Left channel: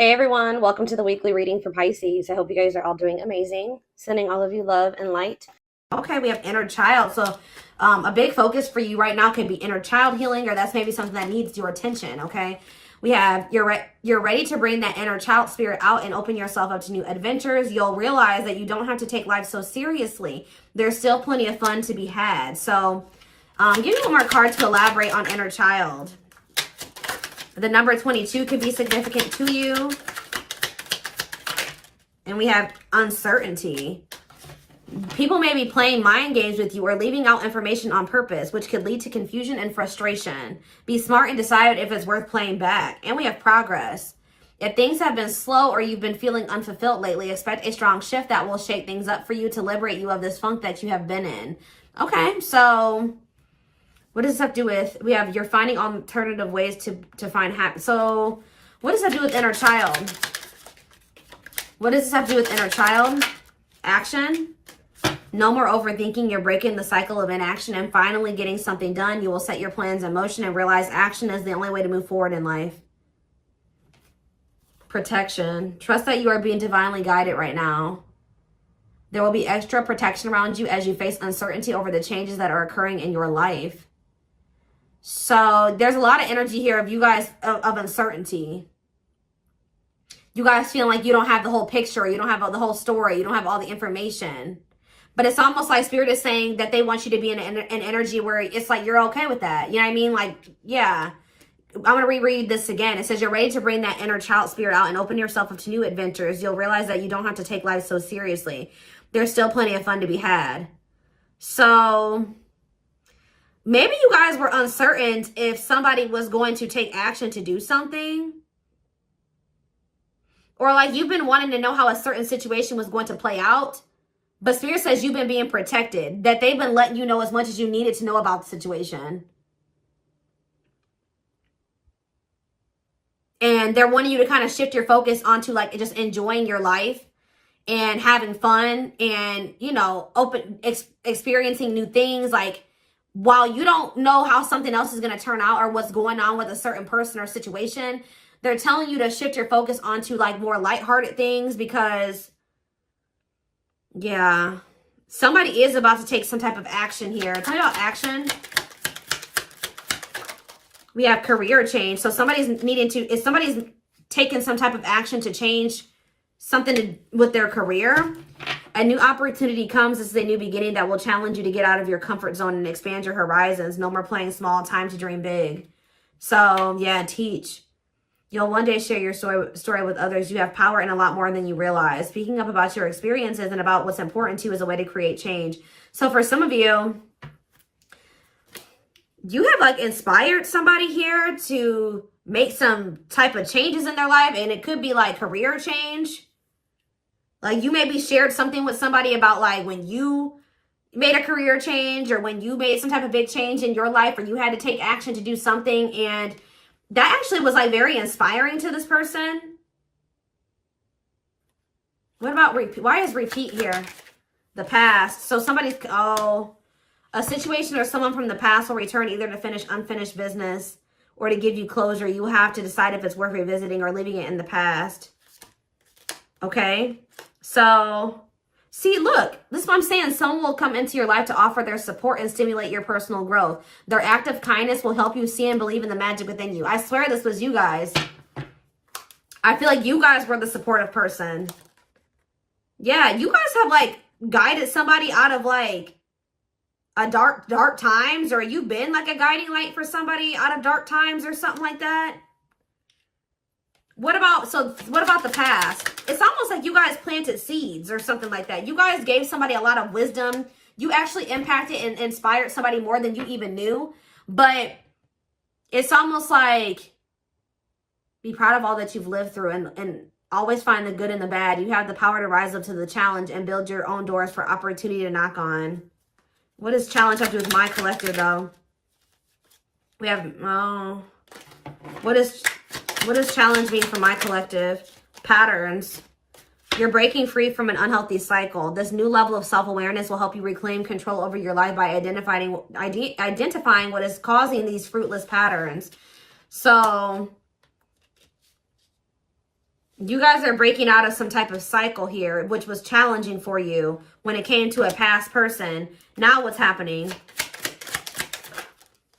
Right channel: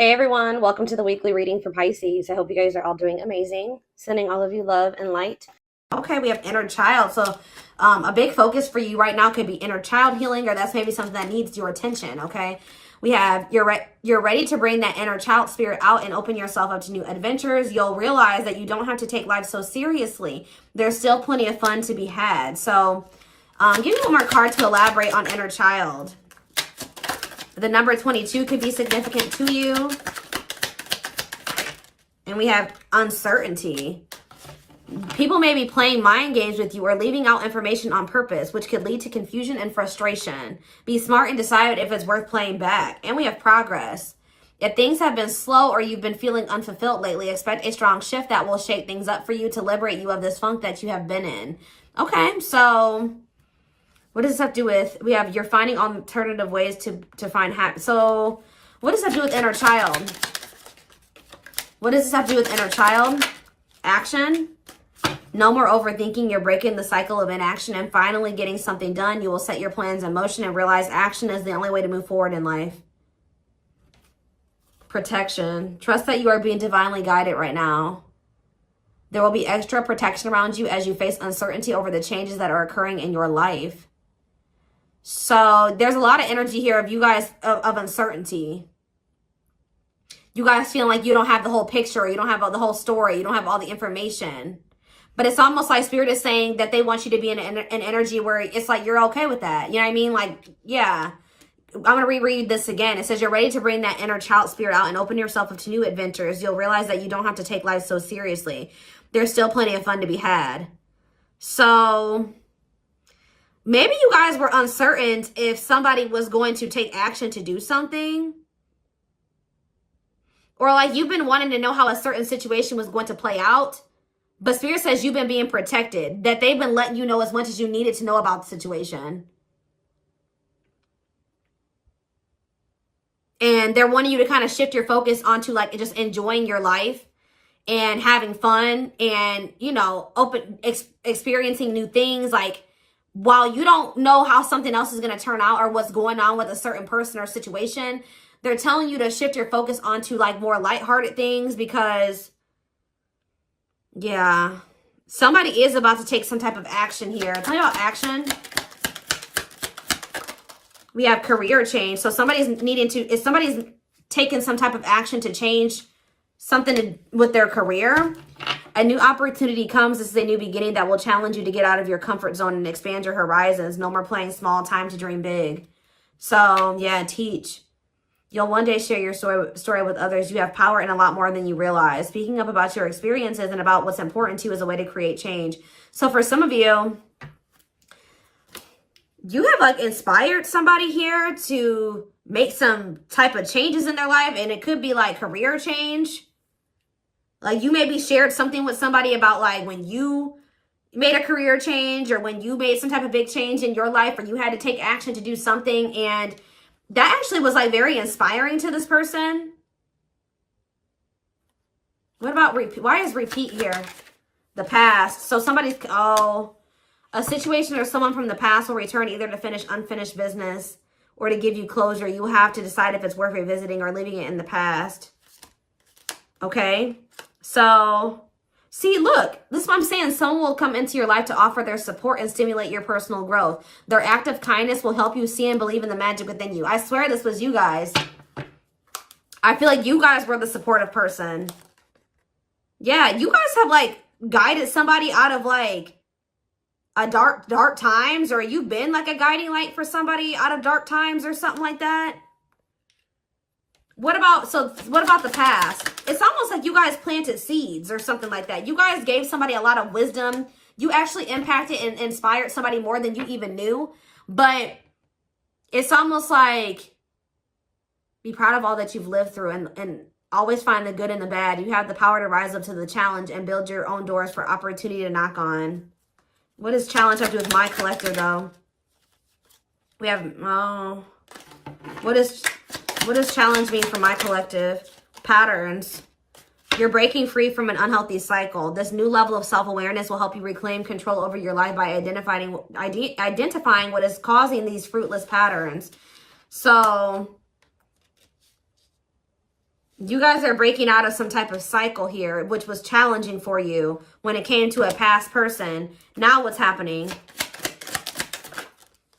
Hey everyone, welcome to the weekly reading for Pisces. I hope you guys are all doing amazing. Sending all of you love and light. Okay, we have inner child. So a big focus for you right now could be inner child healing, or that's maybe something that needs your attention, okay? We have you're ready to bring that inner child spirit out and open yourself up to new adventures. You'll realize that you don't have to take life so seriously. There's still plenty of fun to be had. So give me one more card to elaborate on inner child. The number 22 could be significant to you. And we have uncertainty. People may be playing mind games with you or leaving out information on purpose, which could lead to confusion and frustration. Be smart and decide if it's worth playing back. And we have progress. If things have been slow or you've been feeling unfulfilled lately, expect a strong shift that will shake things up for you to liberate you of this funk that you have been in. Okay, so what does this have to do with? We have you're finding alternative ways to find happiness. So what does that do with inner child? What does this have to do with inner child? Action. No more overthinking. You're breaking the cycle of inaction and finally getting something done. You will set your plans in motion and realize action is the only way to move forward in life. Protection. Trust that you are being divinely guided right now. There will be extra protection around you as you face uncertainty over the changes that are occurring in your life. So there's a lot of energy here of you guys of uncertainty. You guys feeling like you don't have the whole picture, you don't have the whole story, you don't have all the information. But it's almost like Spirit is saying that they want you to be in an energy where it's like you're okay with that. You know what I mean? Like, yeah. I'm going to reread this again. It says you're ready to bring that inner child spirit out and open yourself up to new adventures. You'll realize that you don't have to take life so seriously. There's still plenty of fun to be had. So maybe you guys were uncertain if somebody was going to take action to do something. Or like you've been wanting to know how a certain situation was going to play out. But Spirit says you've been being protected. That they've been letting you know as much as you needed to know about the situation. And they're wanting you to kind of shift your focus onto like just enjoying your life. And having fun. And, you know, experiencing new things. Like, while you don't know how something else is going to turn out or what's going on with a certain person or situation, they're telling you to shift your focus onto like more lighthearted things because, yeah, somebody is about to take some type of action here. Tell me about action. We have career change. So somebody's taking some type of action to change something with their career. A new opportunity comes. This is a new beginning that will challenge you to get out of your comfort zone and expand your horizons. No more playing small, time to dream big. So, yeah, teach. You'll one day share your story with others. You have power and a lot more than you realize. Speaking up about your experiences and about what's important to you is a way to create change. So for some of you, you have like inspired somebody here to make some type of changes in their life. And it could be like career change. Like you maybe shared something with somebody about like when you made a career change or when you made some type of big change in your life or you had to take action to do something. And that actually was like very inspiring to this person. What about repeat? Why is repeat here? The past. So somebody's, a situation or someone from the past will return either to finish unfinished business or to give you closure. You have to decide if it's worth revisiting or leaving it in the past. Okay. So, see, look, this is what I'm saying. Someone will come into your life to offer their support and stimulate your personal growth. Their act of kindness will help you see and believe in the magic within you. I swear this was you guys. I feel like you guys were the supportive person. Yeah, you guys have, like, guided somebody out of, like, a dark times. Or you've been, like, a guiding light for somebody out of dark times or something like that. What about the past? It's almost like you guys planted seeds or something like that. You guys gave somebody a lot of wisdom. You actually impacted and inspired somebody more than you even knew. But it's almost like be proud of all that you've lived through and always find the good and the bad. You have the power to rise up to the challenge and build your own doors for opportunity to knock on. What does challenge have to do with my collector, though? We have, what does challenge mean for my collective? Patterns. You're breaking free from an unhealthy cycle. This new level of self-awareness will help you reclaim control over your life by identifying what is causing these fruitless patterns. So You guys are breaking out of some type of cycle here, which was challenging for you when it came to a past person. Now what's happening?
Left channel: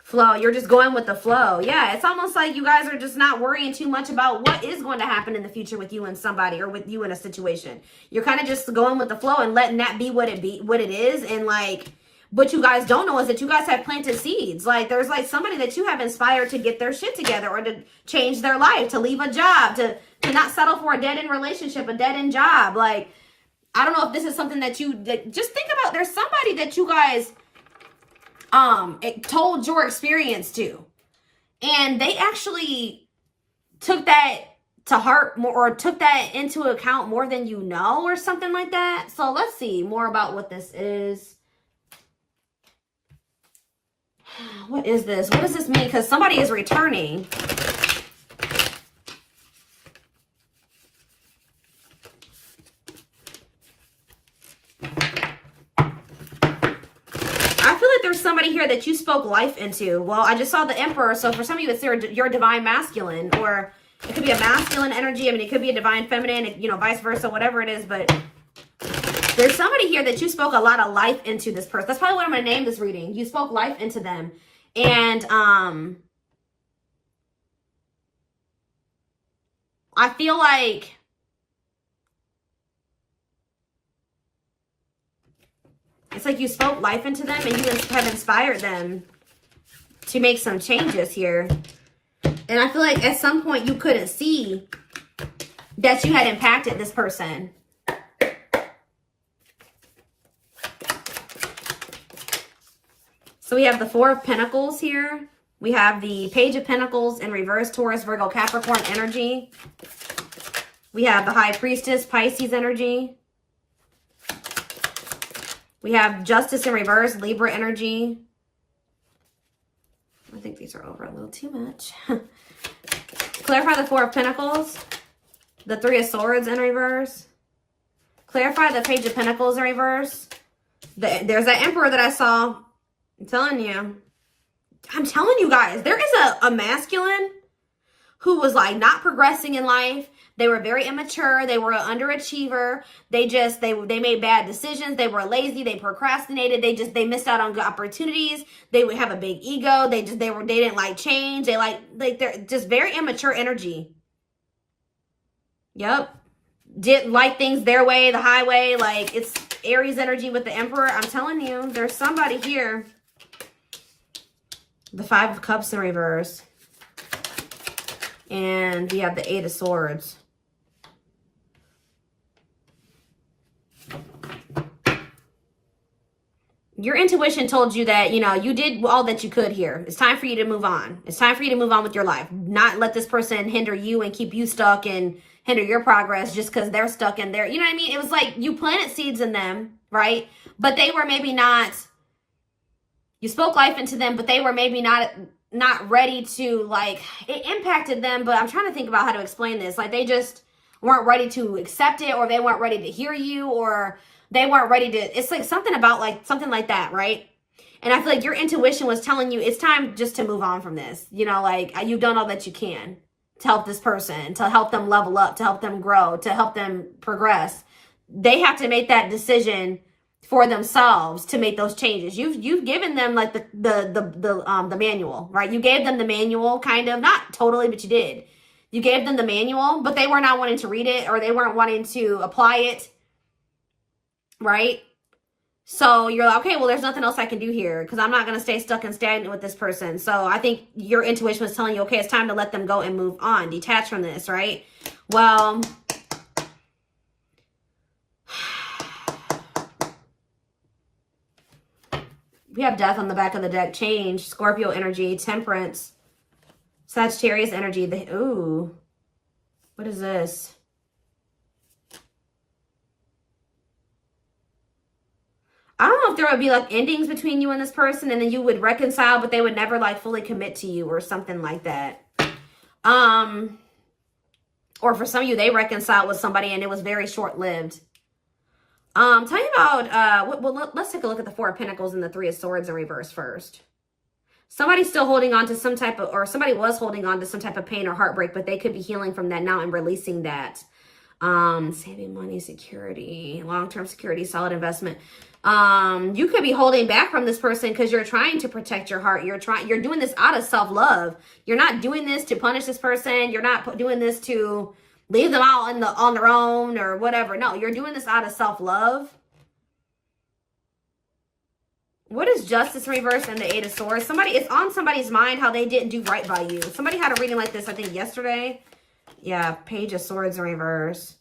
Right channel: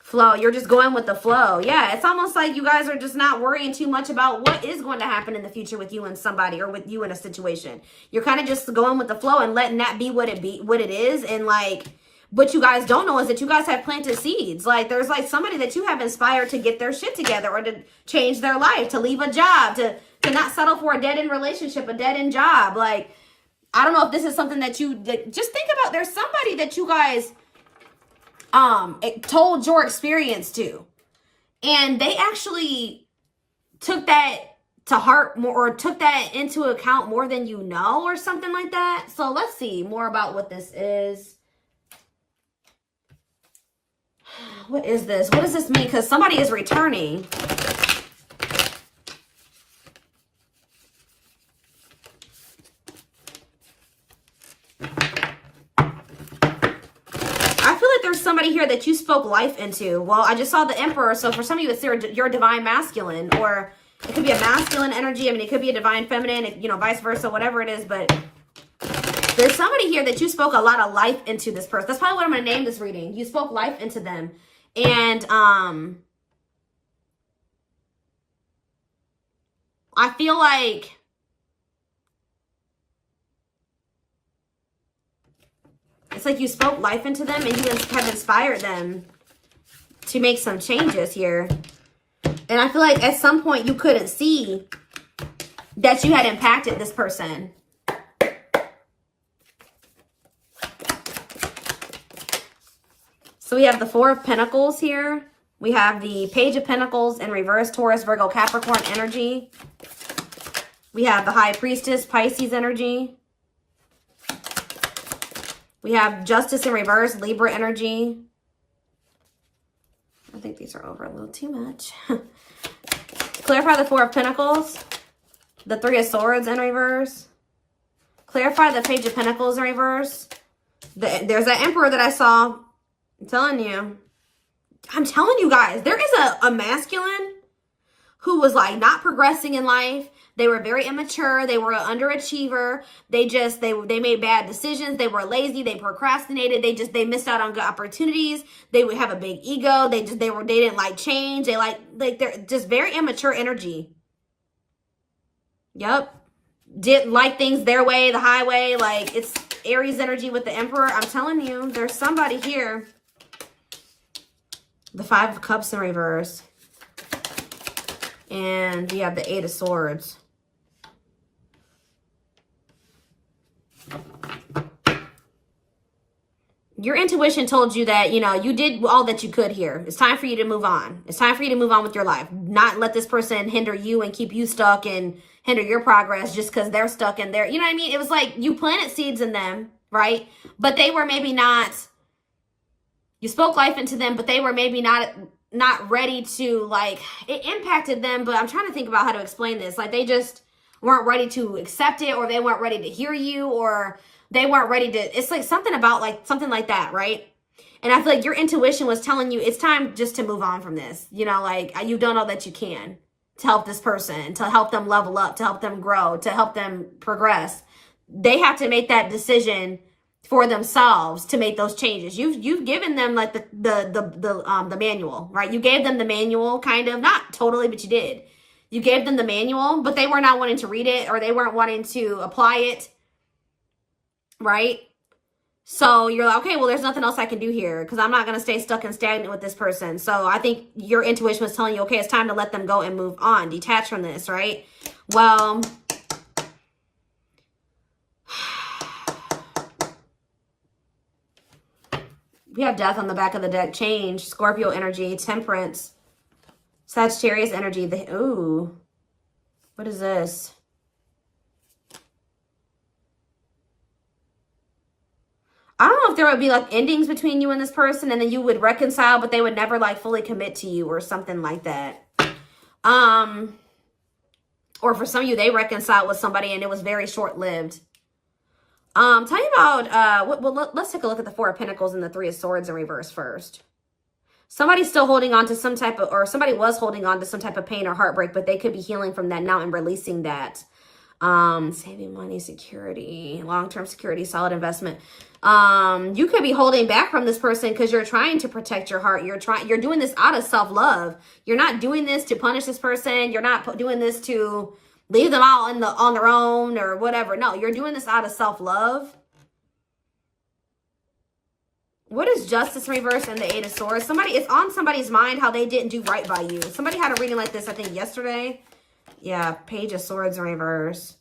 Flow. You're just going with the flow. Yeah, it's almost like you guys are just not worrying too much about what is going to happen in the future with you and somebody, or with you in a situation. You're kind of just going with the flow and letting that be what it is. And like, what you guys don't know is that you guys have planted seeds. Like, there's like somebody that you have inspired to get their shit together, or to change their life, to leave a job, to not settle for a dead-end relationship, a dead-end job. Like, I don't know if this is something that just think about. There's somebody that you guys told your experience to, and they actually took that to heart more, or took that into account more than you know, or something like that. So let's see more about what this is. What is this? What does this mean? Because somebody is returning. There's somebody here that you spoke life into. Well, I just saw the Emperor, so for some of you, it's your divine masculine, or it could be a masculine energy. I mean, it could be a divine feminine, you know, vice versa, whatever it is. But there's somebody here that you spoke a lot of life into this person. That's probably what I'm going to name this reading. You spoke life into them. And I feel like it's like you spoke life into them, and you have inspired them to make some changes here. And I feel like at some point you couldn't see that you had impacted this person. So we have the Four of Pentacles here. We have the Page of Pentacles in reverse, Taurus, Virgo, Capricorn energy. We have the High Priestess, Pisces energy. We have Justice in reverse, Libra energy. I think these are over a little too much. Clarify the Four of Pentacles. The Three of Swords in reverse. Clarify the Page of Pentacles in reverse. There's that Emperor that I saw. I'm telling you guys, there is a masculine who was like not progressing in life. They were very immature. They were an underachiever. They made bad decisions. They were lazy. They procrastinated. They missed out on good opportunities. They would have a big ego. They didn't like change. They're just very immature energy. Yep. Didn't like things their way, the highway. Like, it's Aries energy with the Emperor. I'm telling you, there's somebody here. The Five of Cups in reverse. And we have the Eight of Swords. Your intuition told you that, you know, you did all that you could here. It's time for you to move on. It's time for you to move on with your life. Not let this person hinder you and keep you stuck and hinder your progress just because they're stuck in there. You know what I mean? It was like you planted seeds in them, right? But they were maybe not, you spoke life into them, but they were maybe not ready to, like, it impacted them. But I'm trying to think about how to explain this. Like, they just weren't ready to accept it, or they weren't ready to hear you, or they weren't ready to, it's like something about like, something like that, right? And I feel like your intuition was telling you it's time just to move on from this. You know, like, you've done all that you can to help this person, to help them level up, to help them grow, to help them progress. They have to make that decision for themselves to make those changes. You've given them like the manual, right? You gave them the manual, kind of, not totally, but you did. You gave them the manual, but they were not wanting to read it, or they weren't wanting to apply it. Right? So you're like, okay, well, there's nothing else I can do here because I'm not going to stay stuck and stagnant with this person. So I think your intuition was telling you, okay, it's time to let them go and move on, detach from this, right? Well, we have Death on the back of the deck, Change, Scorpio energy, Temperance, Sagittarius energy. Ooh, what is this? I don't know if there would be like endings between you and this person, and then you would reconcile, but they would never like fully commit to you or something like that. Or for some of you, they reconciled with somebody and it was very short-lived. Tell me about, let's take a look at the Four of Pentacles and the Three of Swords in reverse first. Somebody's still holding on to some type of, or somebody was holding on to some type of pain or heartbreak, but they could be healing from that now and releasing that. Saving money, security, long-term security, solid investment. You could be holding back from this person because you're trying to protect your heart. You're doing this out of self-love. You're not doing this to punish this person. You're not doing this to leave them all on their own or whatever. No, you're doing this out of self-love. What is justice reverse and the 8 of swords? It's on somebody's mind how they didn't do right by you. Somebody had a reading like this, I think, yesterday. Yeah, page of swords in reverse.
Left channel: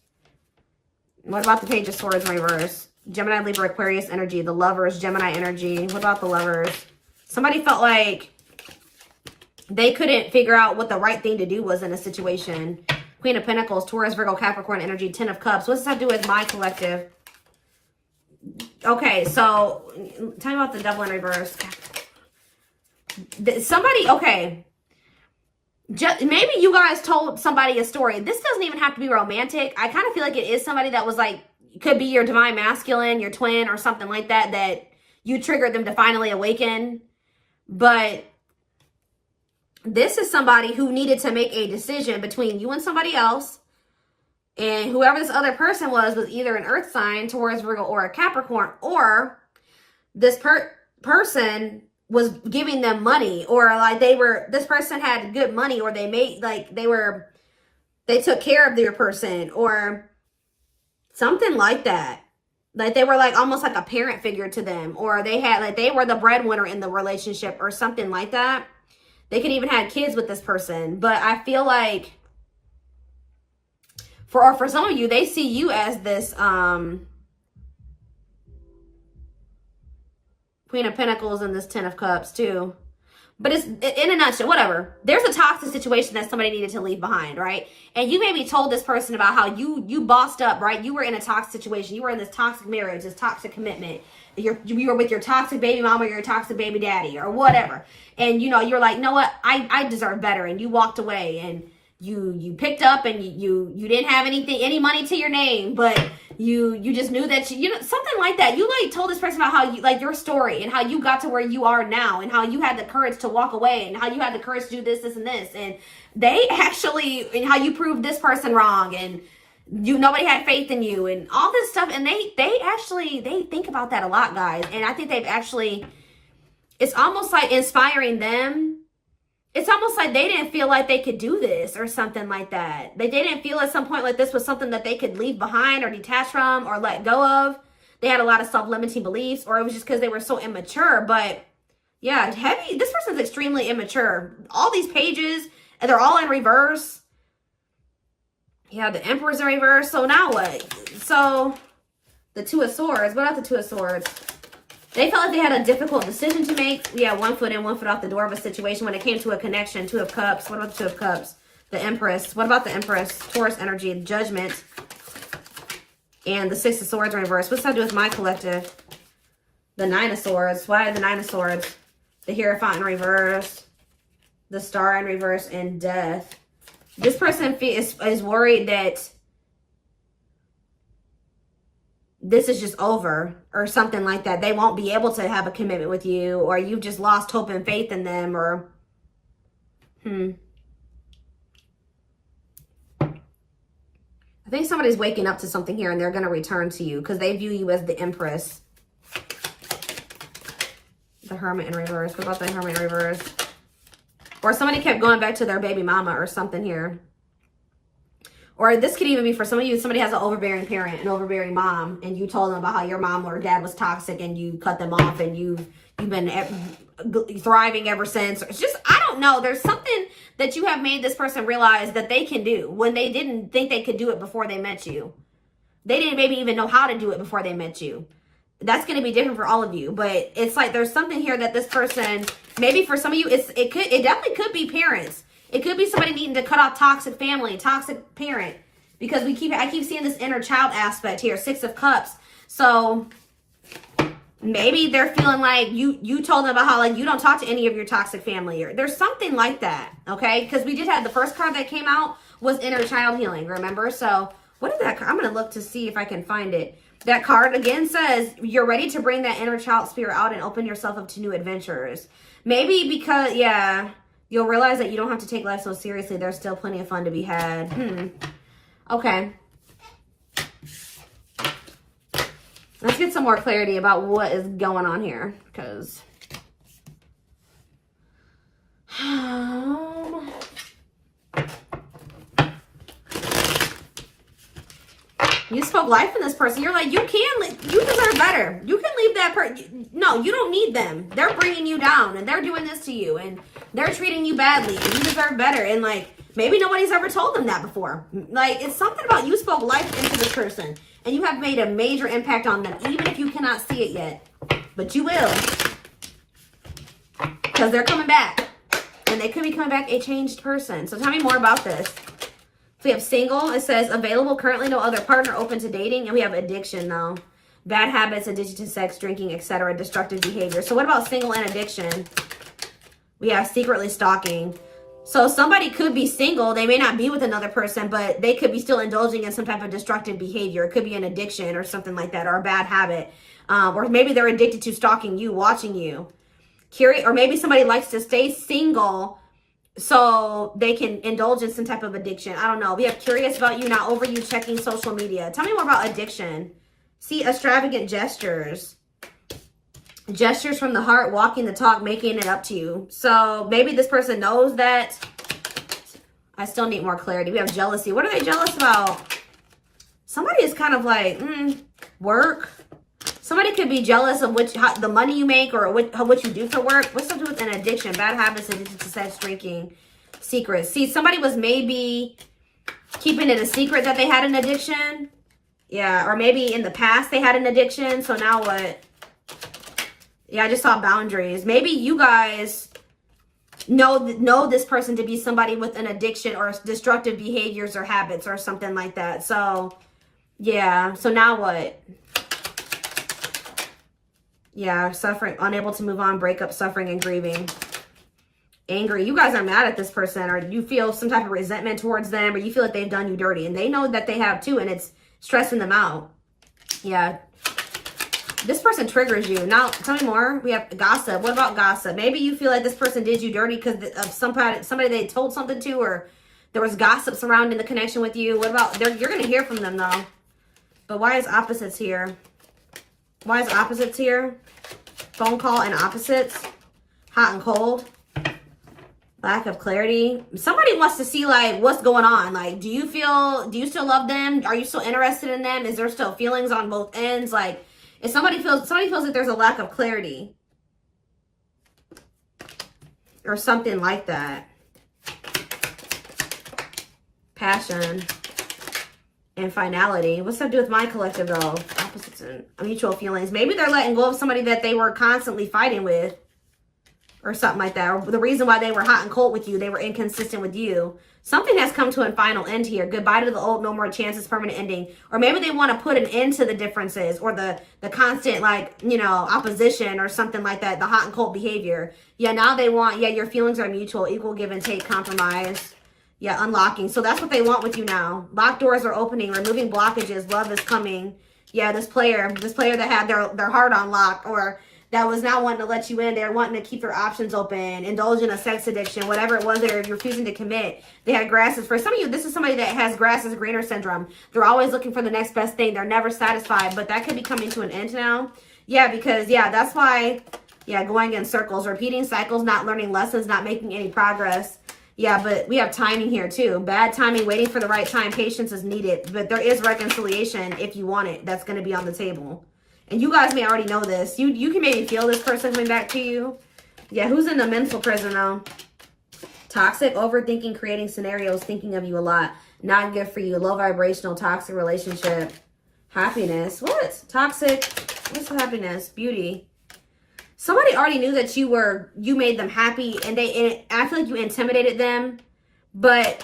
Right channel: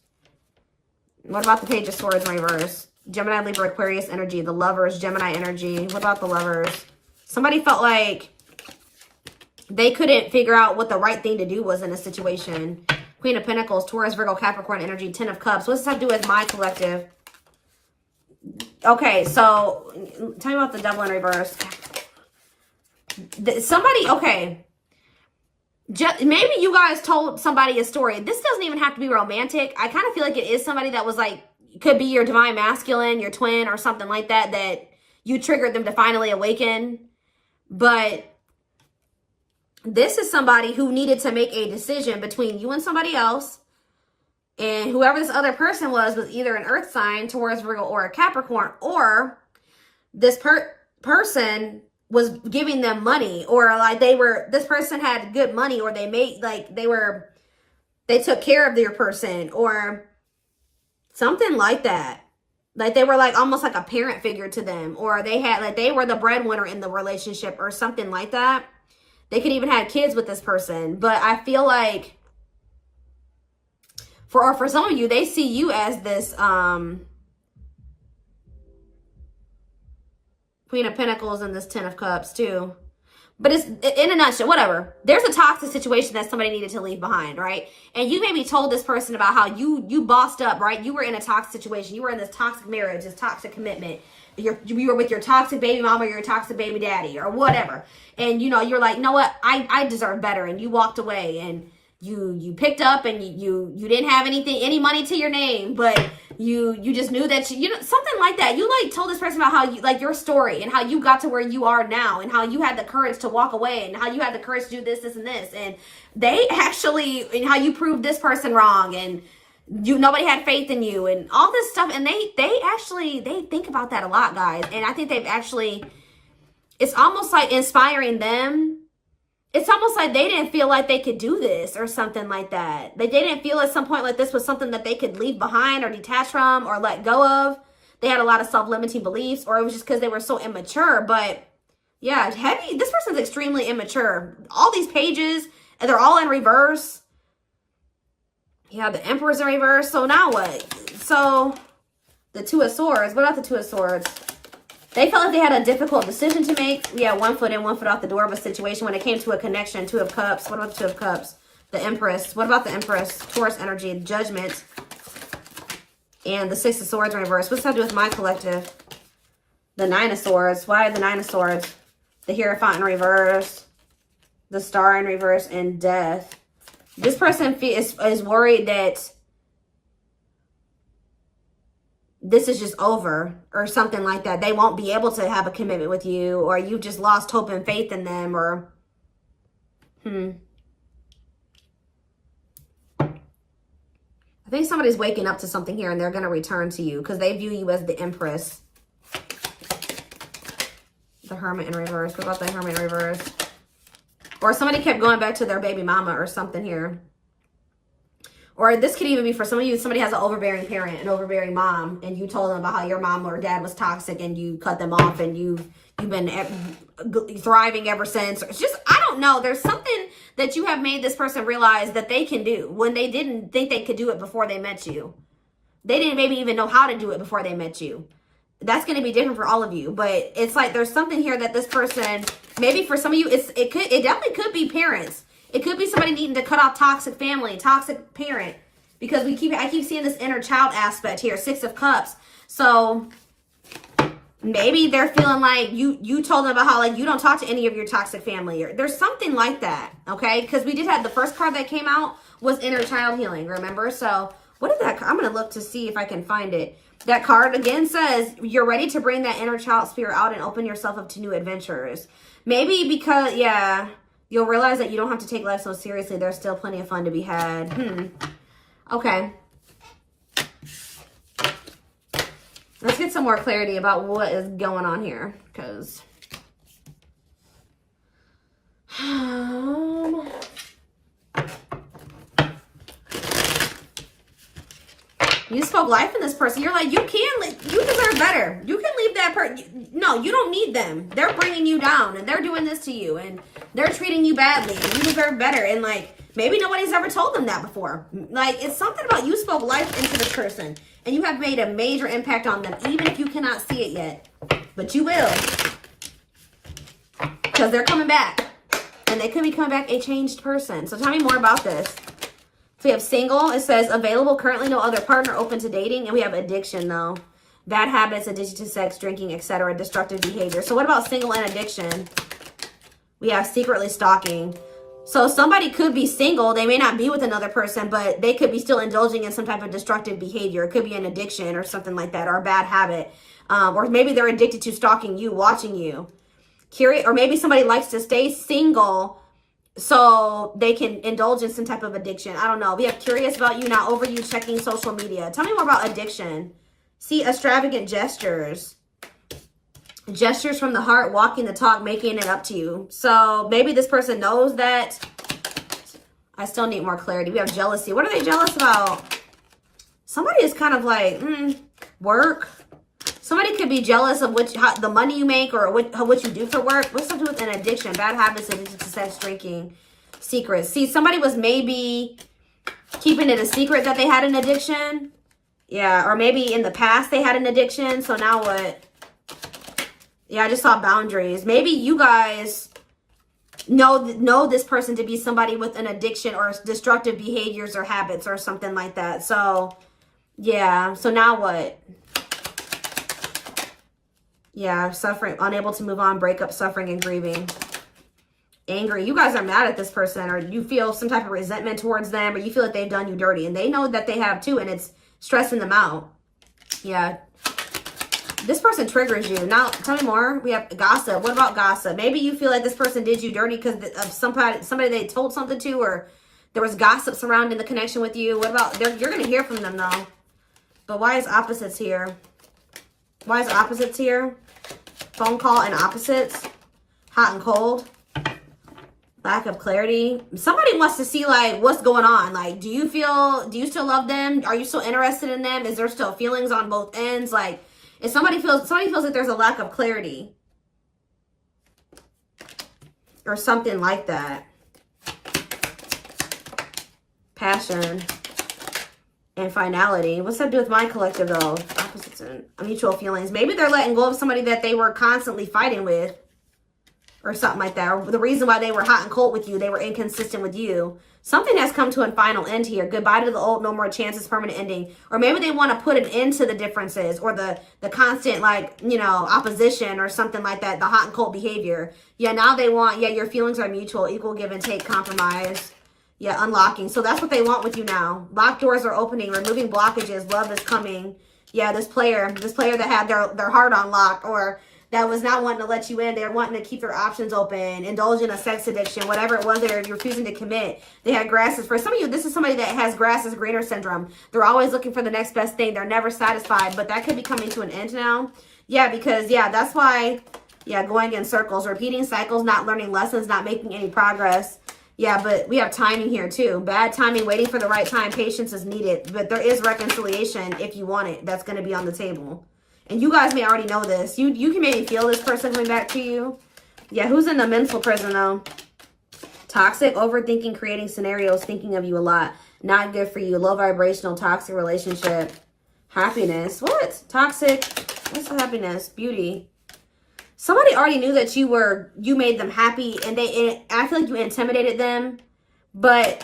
What about the page of swords in reverse? Gemini, Libra, Aquarius energy. The lovers, Gemini energy. What about the lovers? Somebody felt like they couldn't figure out what the right thing to do was in a situation. Queen of Pentacles, Taurus, Virgo, Capricorn energy, 10 of Cups. What does that do with my collective? Okay, so tell me about the devil in reverse. Okay. Maybe you guys told somebody a story. This doesn't even have to be romantic. I kind of feel like it is somebody that was like, could be your divine masculine, your twin, or something like that, that you triggered them to finally awaken. But this is somebody who needed to make a decision between you and somebody else. And whoever this other person was either an earth sign, Taurus, Virgo, or a Capricorn, or this person was giving them money, or like this person had good money, or they took care of their person, or something like that. Like they were like almost like a parent figure to them, or they were the breadwinner in the relationship or something like that. They could even have kids with this person. But I feel like for some of you, they see you as this Queen of Pentacles and this 10 of Cups too. But it's in a nutshell, whatever. There's a toxic situation that somebody needed to leave behind, right? And you maybe told this person about how you bossed up, right? You were in a toxic situation. You were in this toxic marriage, this toxic commitment. You were with your toxic baby mama, or your toxic baby daddy, or whatever. And you're like, no, what? I deserve better. And you walked away, and you picked up, and you didn't have any money to your name, but you just knew that something like that. You like told this person about how your story and how you got to where you are now, and how you had the courage to walk away, and how you had the courage to do this and this, and and how you proved this person wrong, and nobody had faith in you, and all this stuff. And they think about that a lot, guys. And I think it's almost like inspiring them. It's almost like they didn't feel like they could do this or something like that. Like they didn't feel at some point like this was something that they could leave behind or detach from or let go of. They had a lot of self-limiting beliefs, or it was just because they were so immature. But yeah, this person's extremely immature. All these pages, and they're all in reverse. Yeah, the Emperor's in reverse. So now what? So the Two of Swords. What about the Two of Swords? They felt like they had a difficult decision to make. Yeah, 1 foot in, 1 foot out the door of a situation when it came to a connection. 2 of Cups. What about the 2 of Cups? The Empress. What about the Empress? Taurus energy, Judgment. And the 6 of Swords in reverse. What's that do with my collective? The 9 of Swords. Why the 9 of Swords? The Hierophant in reverse. The Star in reverse, and Death. This person is worried that this is just over or something like that. They won't be able to have a commitment with you, or you've just lost hope and faith in them, or I think somebody's waking up to something here, and they're going to return to you because they view you as the Empress. The Hermit in reverse. What about the Hermit in reverse? Or somebody kept going back to their baby mama or something here. Or this could even be for some of you, somebody has an overbearing parent, an overbearing mom, and you told them about how your mom or dad was toxic, and you cut them off, and you've been thriving ever since. It's just, I don't know. There's something that you have made this person realize that they can do when they didn't think they could do it before they met you. They didn't maybe even know how to do it before they met you. That's going to be different for all of you, but it's like there's something here that this person, maybe for some of you, it definitely could be parents. It could be somebody needing to cut off toxic family, toxic parent, because I keep seeing this inner child aspect here, 6 of Cups. So maybe they're feeling like you told them about how like you don't talk to any of your toxic family, or there's something like that, okay? Because we did have the first card that came out was inner child healing, remember? So what is that? I'm going to look to see if I can find it. That card again says you're ready to bring that inner child spirit out and open yourself up to new adventures. Maybe because, yeah, you'll realize that you don't have to take life so seriously. There's still plenty of fun to be had. Okay. Let's get some more clarity about what is going on here, because you spoke life in this person. You're like, you deserve better. You can leave that person. No, you don't need them. They're bringing you down, and they're doing this to you, and they're treating you badly, and you deserve better. And like, maybe nobody's ever told them that before. Like, it's something about you spoke life into this person, and you have made a major impact on them, even if you cannot see it yet. But you will, because they're coming back, and they could be coming back a changed person. So tell me more about this. So we have single. It says available, currently no other partner, open to dating. And we have addiction, though. Bad habits, addiction to sex, drinking, etc. Destructive behavior. So what about single and addiction? We have secretly stalking. So somebody could be single. They may not be with another person, but they could be still indulging in some type of destructive behavior. It could be an addiction or something like that, or a bad habit. Or maybe they're addicted to stalking you, watching you. Curious, or maybe somebody likes to stay single so they can indulge in some type of addiction. I don't know. We have curious about you, not over you, checking social media. Tell me more about addiction. See, extravagant gestures. Gestures from the heart, walking the talk, making it up to you. So maybe this person knows that. I still need more clarity. We have jealousy. What are they jealous about? Somebody is kind of like, work. Somebody could be jealous of the money you make, or what you do for work. What's up with an addiction? Bad habits, addicted to sex, drinking, secrets. See, somebody was maybe keeping it a secret that they had an addiction. Yeah, or maybe in the past they had an addiction. So now what? Yeah, I just saw boundaries. Maybe you guys know this person to be somebody with an addiction or destructive behaviors or habits or something like that. So, yeah. So now what? Yeah, suffering, unable to move on, breakup, suffering, and grieving. Angry. You guys are mad at this person, or you feel some type of resentment towards them, or you feel like they've done you dirty. And they know that they have too, and it's stressing them out. Yeah. This person triggers you. Now, tell me more. We have gossip. What about gossip? Maybe you feel like this person did you dirty because of somebody they told something to, or there was gossip surrounding the connection with you. What about, you're going to hear from them, though. But why is opposites here? Why is opposites here? Phone call and opposites. Hot and cold. Lack of clarity. Somebody wants to see, like, what's going on. Like, do you still love them? Are you still interested in them? Is there still feelings on both ends? Like, if somebody feels like there's a lack of clarity. Or something like that. Passion. And finality. What's that to do with my collective, though? Opposites and mutual feelings. Maybe they're letting go of somebody that they were constantly fighting with. Or something like that. Or the reason why they were hot and cold with you. They were inconsistent with you. Something has come to a final end here. Goodbye to the old, no more chances, permanent ending. Or maybe they want to put an end to the differences. Or the constant, like, you know, opposition or something like that. The hot and cold behavior. Yeah, now they want, yeah, your feelings are mutual. Equal give and take, compromise. Yeah, unlocking. So that's what they want with you now. Locked doors are opening, removing blockages. Love is coming. Yeah, this player that had their heart unlocked, or that was not wanting to let you in. They're wanting to keep their options open, indulge in a sex addiction, whatever it was they're refusing to commit. They had grasses. For some of you, this is somebody that has grass is greener syndrome. They're always looking for the next best thing. They're never satisfied, but that could be coming to an end now. Yeah, because, yeah, that's why, yeah, going in circles, repeating cycles, not learning lessons, not making any progress. Yeah, but we have timing here too. Bad timing, waiting for the right time. Patience is needed. But there is reconciliation if you want it. That's going to be on the table. And you guys may already know this. You can maybe feel this person coming back to you. Yeah, who's in a mental prison though? Toxic, overthinking, creating scenarios, thinking of you a lot. Not good for you. Low vibrational, toxic relationship. Happiness. What? Toxic. What's happiness? Beauty. Somebody already knew that you made them happy, and I feel like you intimidated them. But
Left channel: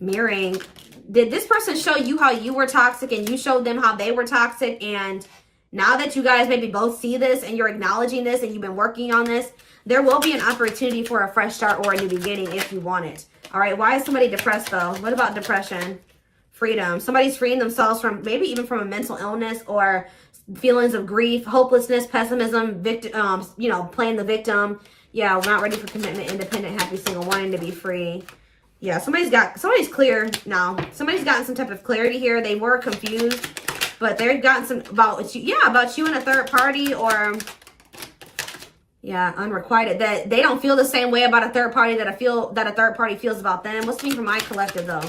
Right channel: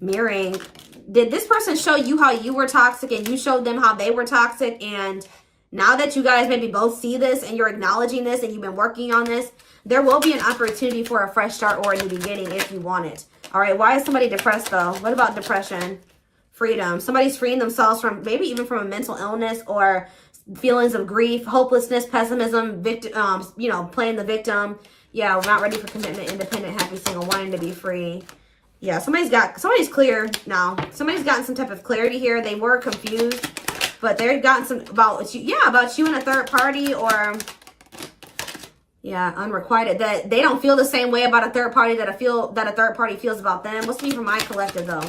mirroring, did this person show you how you were toxic and you showed them how they were toxic? And now that you guys maybe both see this and you're acknowledging this and you've been working on this, there will be an opportunity for a fresh start or a new beginning if you want it. All right, why is somebody depressed though? What about depression? Freedom. Somebody's freeing themselves from maybe even from a mental illness or feelings of grief, hopelessness, pessimism, victim, you know, playing the victim. Yeah, we're not ready for commitment, independent, happy, single, wanting to be free. Yeah, somebody's clear now. Somebody's gotten some type of clarity here. They were confused, But they've gotten some about you, yeah, about you and a third party, or yeah, unrequited, that they don't feel the same way about a third party that a third party feels about them. What's me for my collective though?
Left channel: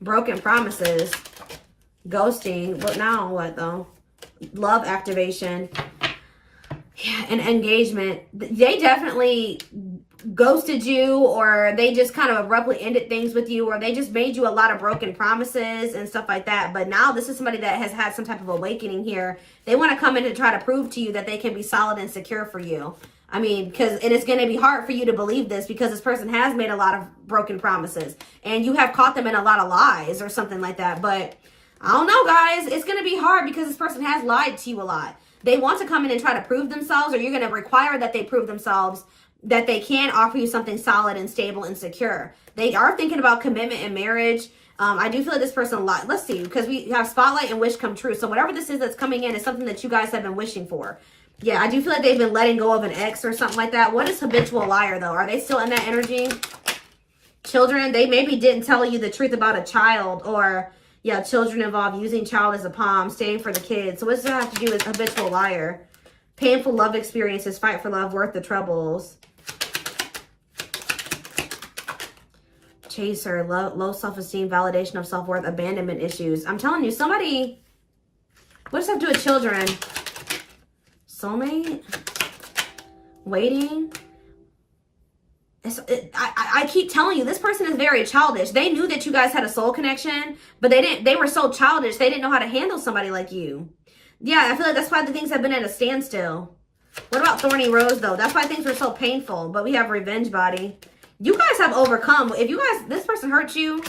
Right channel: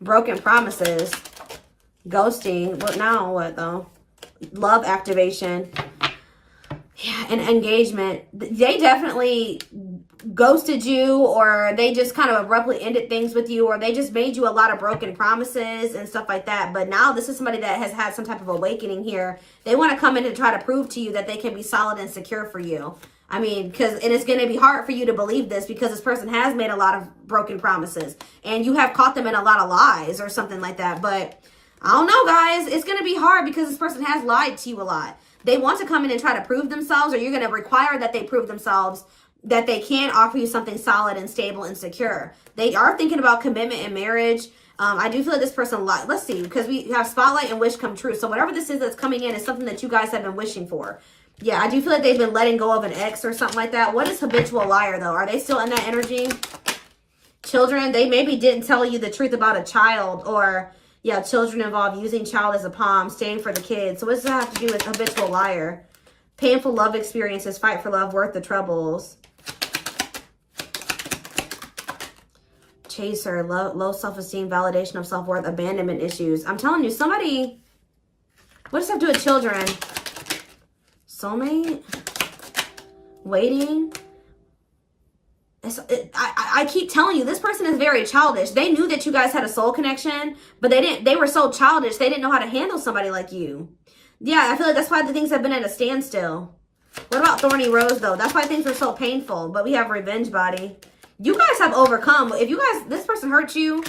Broken promises, ghosting. What now? What though? Love activation, yeah, and engagement. They definitely ghosted you, or they just kind of abruptly ended things with you, or they just made you a lot of broken promises and stuff like that. But now this is somebody that has had some type of awakening here. They want to come in and try to prove to you that they can be solid and secure for you. I mean, and it's going to be hard for you to believe this because this person has made a lot of broken promises and you have caught them in a lot of lies or something like that. But I don't know, guys. It's going to be hard because this person has lied to you a lot. They want to come in and try to prove themselves, or you're going to require that they prove themselves that they can offer you something solid and stable and secure. They are thinking about commitment and marriage. I do feel like this person, let's see, because we have spotlight and wish come true. So whatever this is that's coming in is something that you guys have been wishing for. Yeah, I do feel like they've been letting go of an ex or something like that. What is habitual liar, though? Are they still in that energy? Children, they maybe didn't tell you the truth about a child, or, yeah, children involved, using child as a palm, staying for the kids. So what's that have to do with habitual liar? Painful love experiences, fight for love, worth the troubles. Chaser, low self-esteem, validation of self-worth, abandonment issues. I'm telling you, somebody, what does that have to do with children? Soulmate? Waiting? I keep telling you, this person is very childish. They knew that you guys had a soul connection, but they were so childish, they didn't know how to handle somebody like you. Yeah, I feel like that's why the things have been at a standstill. What about Thorny Rose, though? That's why things were so painful, but we have Revenge Body. You guys have overcome. If you guys, this person hurt you,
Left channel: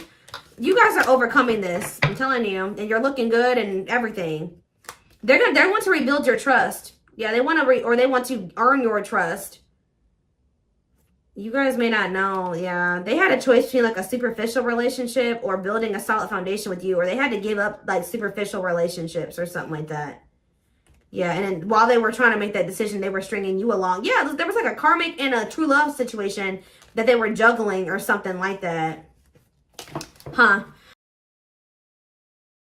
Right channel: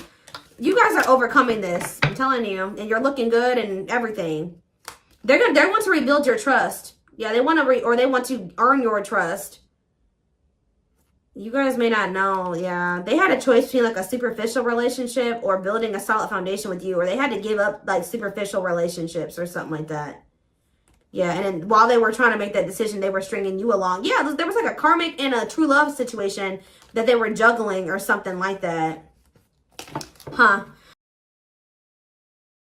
you guys are overcoming this. I'm telling you. And you're looking good and everything. They want to rebuild your trust. Yeah, they want to, or they want to earn your trust. You guys may not know. Yeah, they had a choice between like a superficial relationship or building a solid foundation with you, or they had to give up like superficial relationships or something like that. Yeah, and then while they were trying to make that decision, they were stringing you along. Yeah, there was like a karmic and a true love situation that they were juggling or something like that. Huh.